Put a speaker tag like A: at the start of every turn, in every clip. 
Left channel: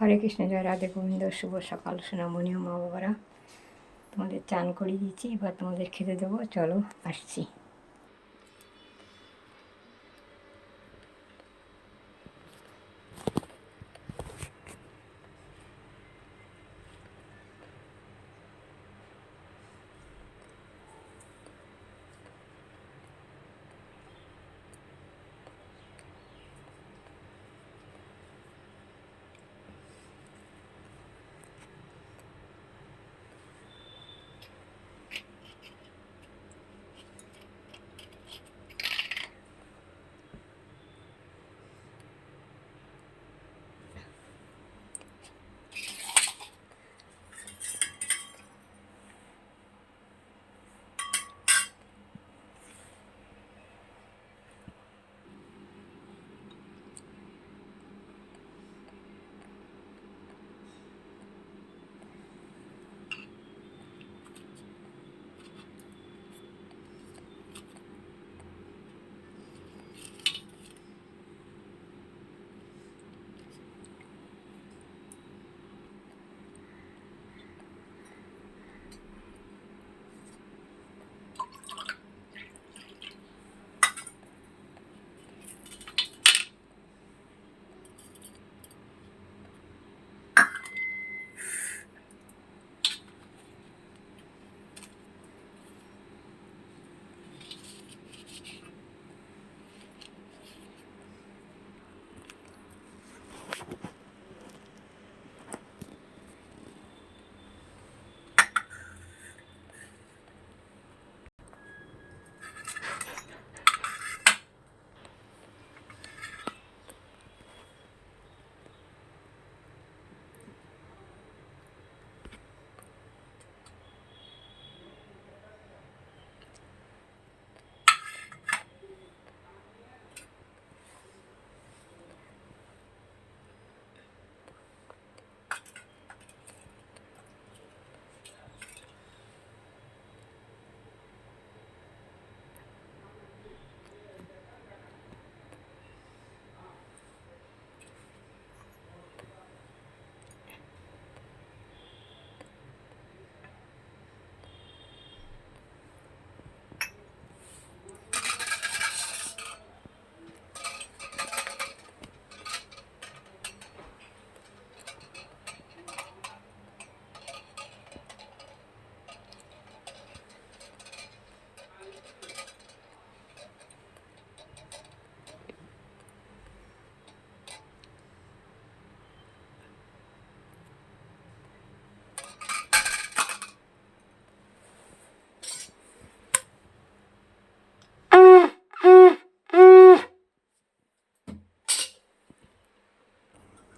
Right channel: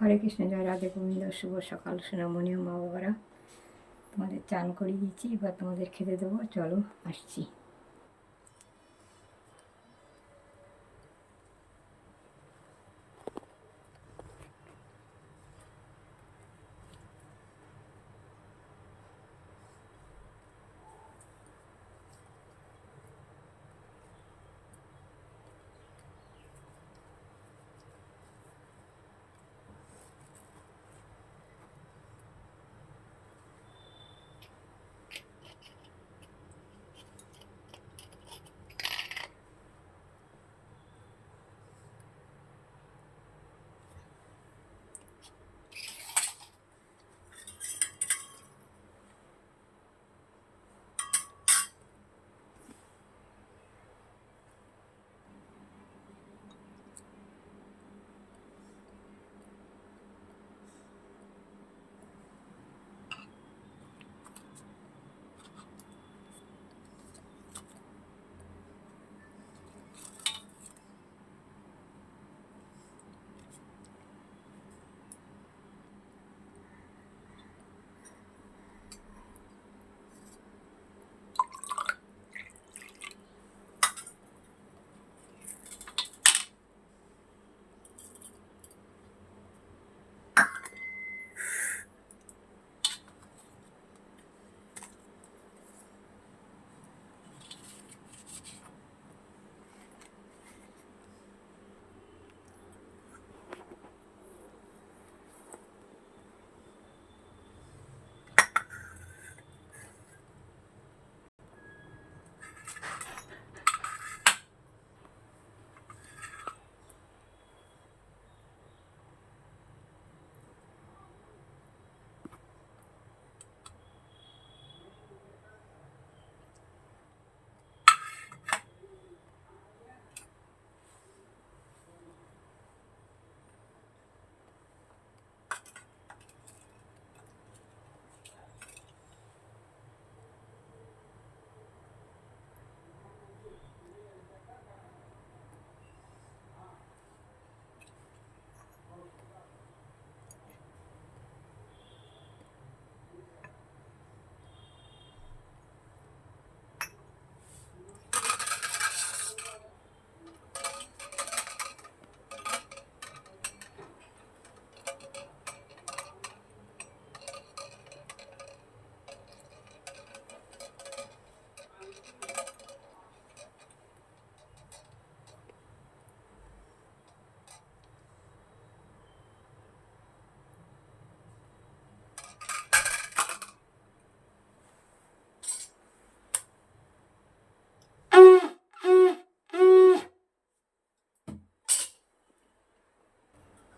A: হরে কৃষ্ণ, জয় রাধে গোবিন্দ, শুভ সকাল, সোনামণি মা বাবারা। তোমাদের চান করিয়ে দিচ্ছি এবার তোমাদের খেতে দেবো। চলো, আসছি।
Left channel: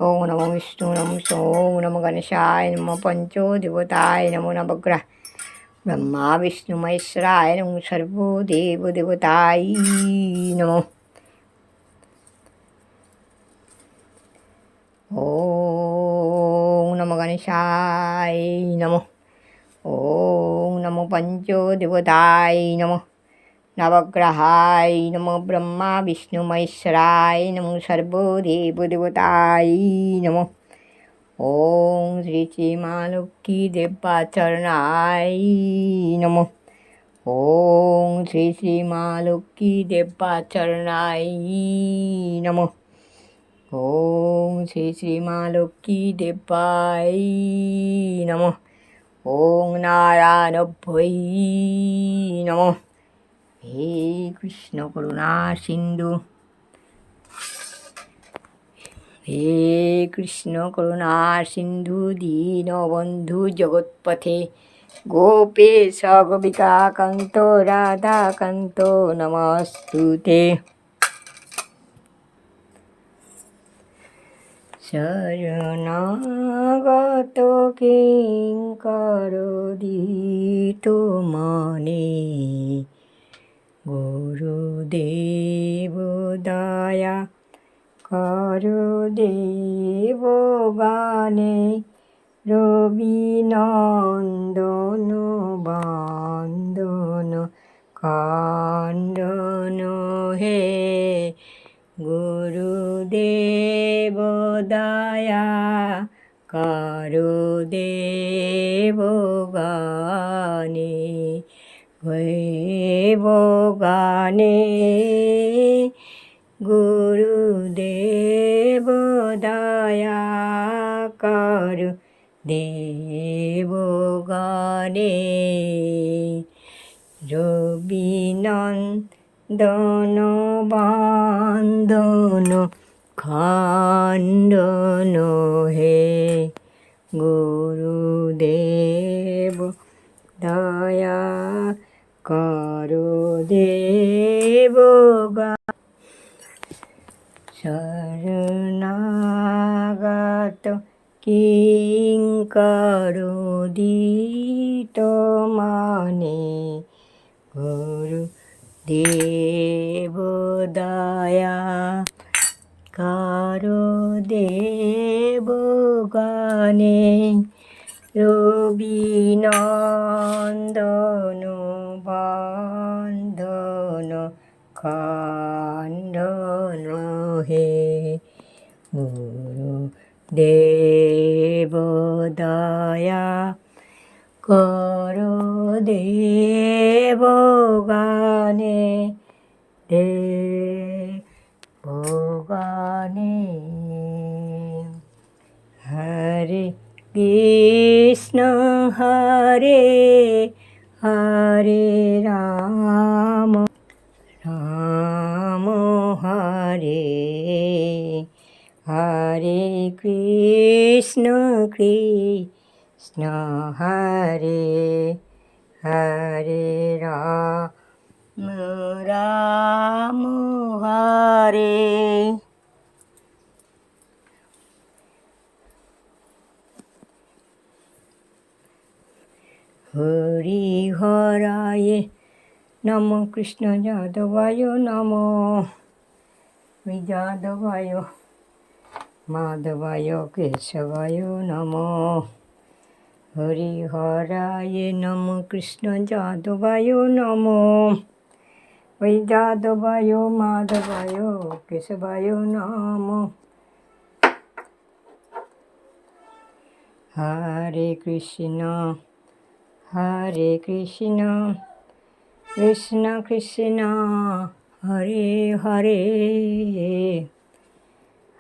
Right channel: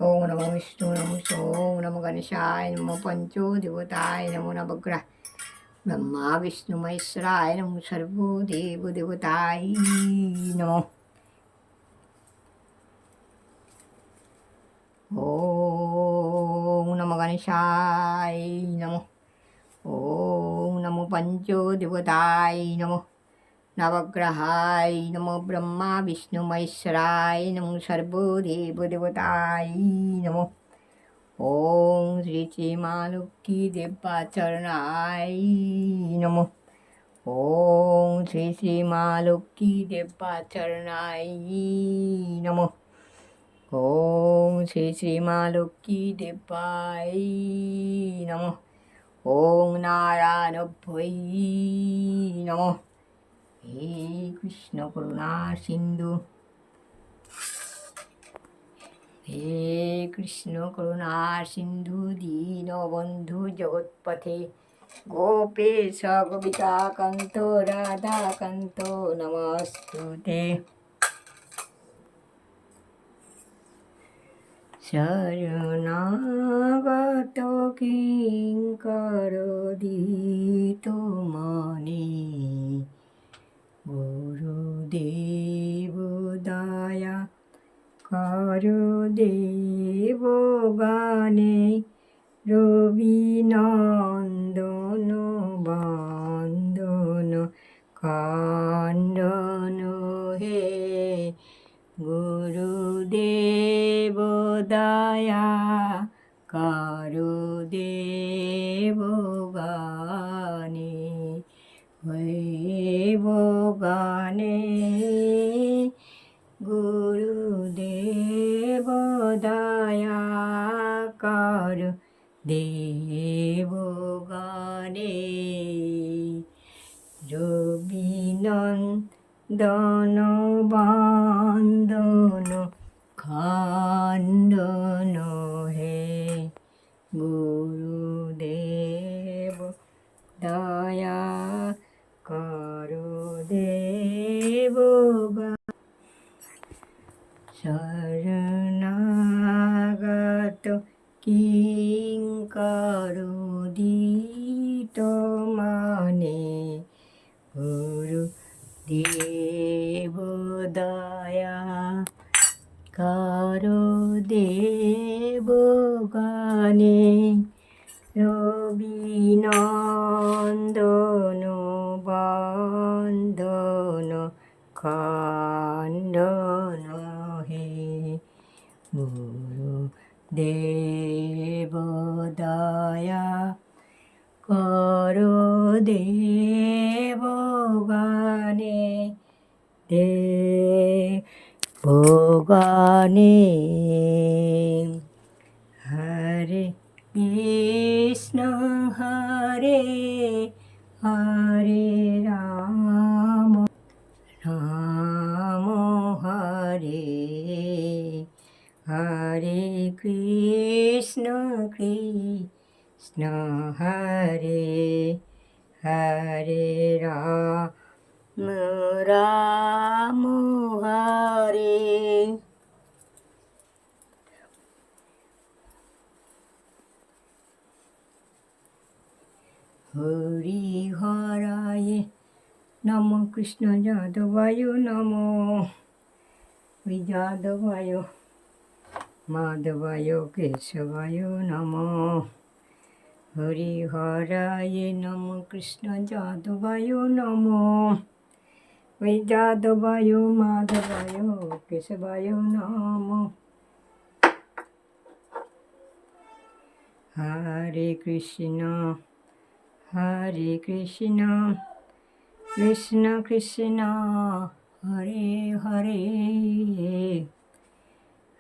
A: ओम नमो विष्णु नमो ओम नमो गणेशाय नमो पंचो देवताय नमो नवग्रह ब्रह्मा विष्णु महेश्वराय नमो सर्वो देव देवताय नमो ओम नमो गणेशाय नमो ओम नमो पंचो देवताय नमो নবগ্রহায় নম ব্রহ্মা বিষ্ণু মহেশ্বরায় নম সর্বদেব দেবতায় নম ওং শ্রী শ্রী মা দেবাচরণায় নম ওং শ্রী শ্রী মা দেবাচরণায় নম ওং শ্রী শ্রী মা লক্ষ্মী দেবায় নম ওং নারায়ণভ্যৈ নমঃ হে কৃষ্ণ করুণা সিন্ধু। হে কৃষ্ণ করুণা সিন্ধু, দীন বন্ধু জগৎপথে। গোপেশ গোপিকাকান্ত রাধাকান্ত, নমস্তুতে। শরণাগত কিঙ্কর দিত মনে। গুরুদেব দয়া করো দেব গানে রবিনন্দন বন্দন খণ্ডন হে গুরুদেব দয়া কারও দেব গানে দেব গানে। গুরুদেব দয়া কর দেব গানে। রবিনন্দন বান্দন খণ্ডন হে গুরুদেব দয়া করো দেব শরণাগত কিঙ্কর দিত মানে। গুরু দেব দয়া কারও দেব গানে। রবিনন্দন হে গুরু দেব দয়া করো দেব গানে দেব গানে। হরে কৃষ্ণ হরে কৃষ্ণ কৃষ্ণ হরে হরে রাম রাম হরে হরি হরায় নম কৃষ্ণ যাদবায় নম ওই যাদবায় মাধবায় কেশবায় নম হরি হরায় নম কৃষ্ণ যাদবায় নম ওই যাদবায় মাধবায় কেশবায় নম হরে কৃষ্ণ হরে কৃষ্ণ কৃষ্ণ কৃষ্ণ হরে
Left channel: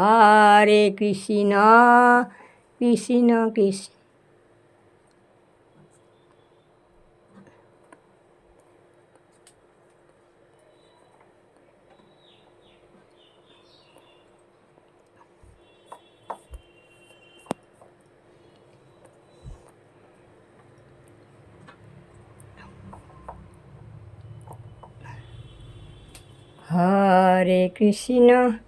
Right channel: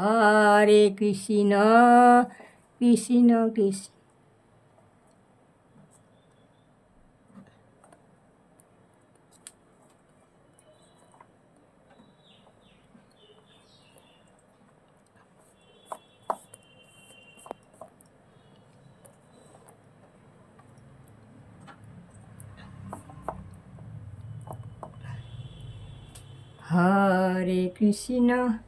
A: ハーレクリシナ、クリシナ、クリシナ。ハーレクシナ。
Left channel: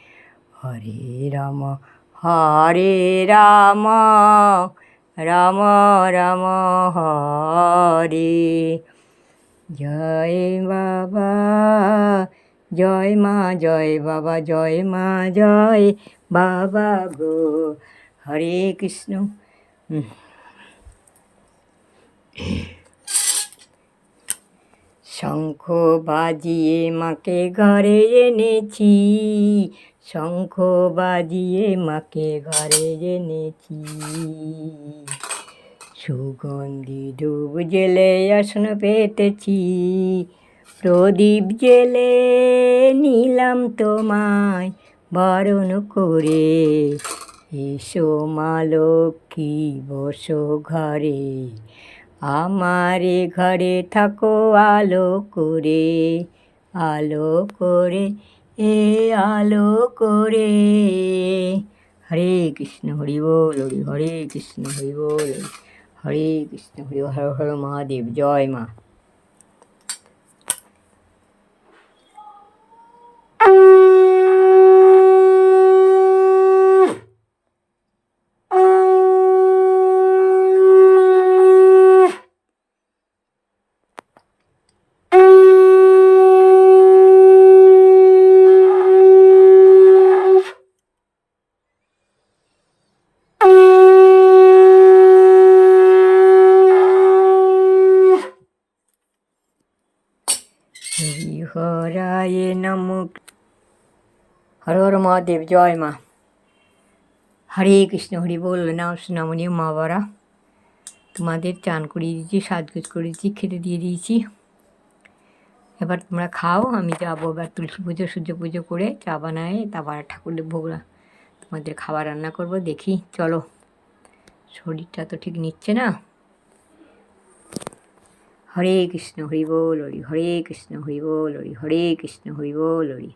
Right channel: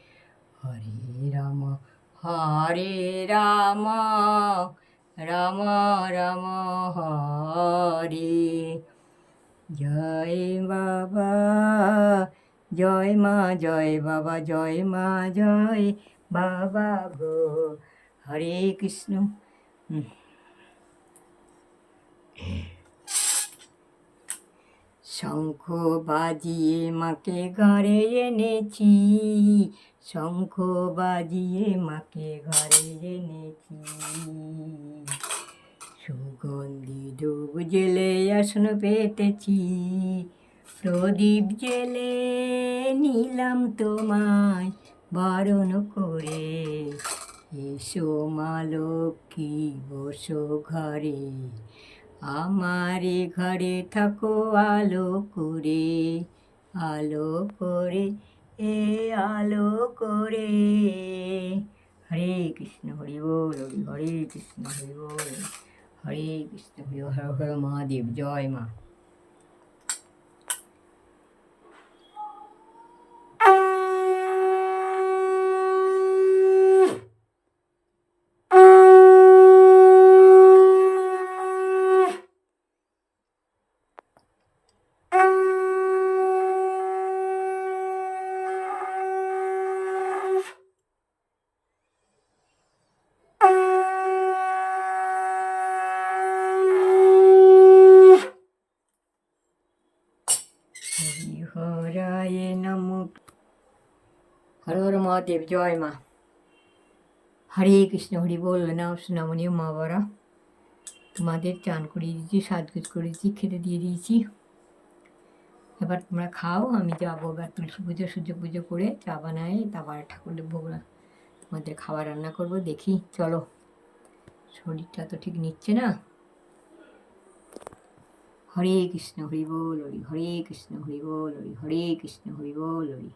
A: হরে রাম হরে রাম রাম রাম, হরে। জয় বাবা, জয় মা, জয় বাবা, জয় মা, জয় বাবা গো। হরে কৃষ্ণ। শঙ্খ বাজিয়ে মাকে ঘরে এনেছি। শঙ্খ বাজিয়ে মাকে ঘরে জেনেছি সুগন্ধি ডুব জেলে আসন পেতেছি। প্রদীপ জেলে নিলাম তোমায় বরণ করে। এসো মা লক্ষ্মী, বসো ঘরে। আমারে ঘরে থাকো আলো করে আলো করে এ আলো করে। হরে কৃষ্ণ, হরি বল, হরে কৃষ্ণ, হরি বল, হরে কৃষ্ণ, হরি হর হর, মহাদেব, জয় মা হরি হরায় নম হর হর মহাদেব জয় মা হরে কৃষ্ণ হরি বল নাম সোনামণি মা তোমাদের চান করিয়ে দিয়েছি, সাজগোজ করে দিয়েছি খেতে দিয়ে দিয়েছি। এবার তোমরা খাও, আমি যাব এবার তুলসী পুজো, সূর্য পুজো করে চা বানায়, তারপর ঠাকুরের ভোগ রা- তোমাদের খাবার রান্না করব, দেখি, চলো। শরীরটা তো ঠিক নিচ্ছে না। হরে কৃষ্ণ, হরি বল, হরি, হরে কৃষ্ণ, হরি বল হরে কৃষ্ণ, হরি বল, হরি।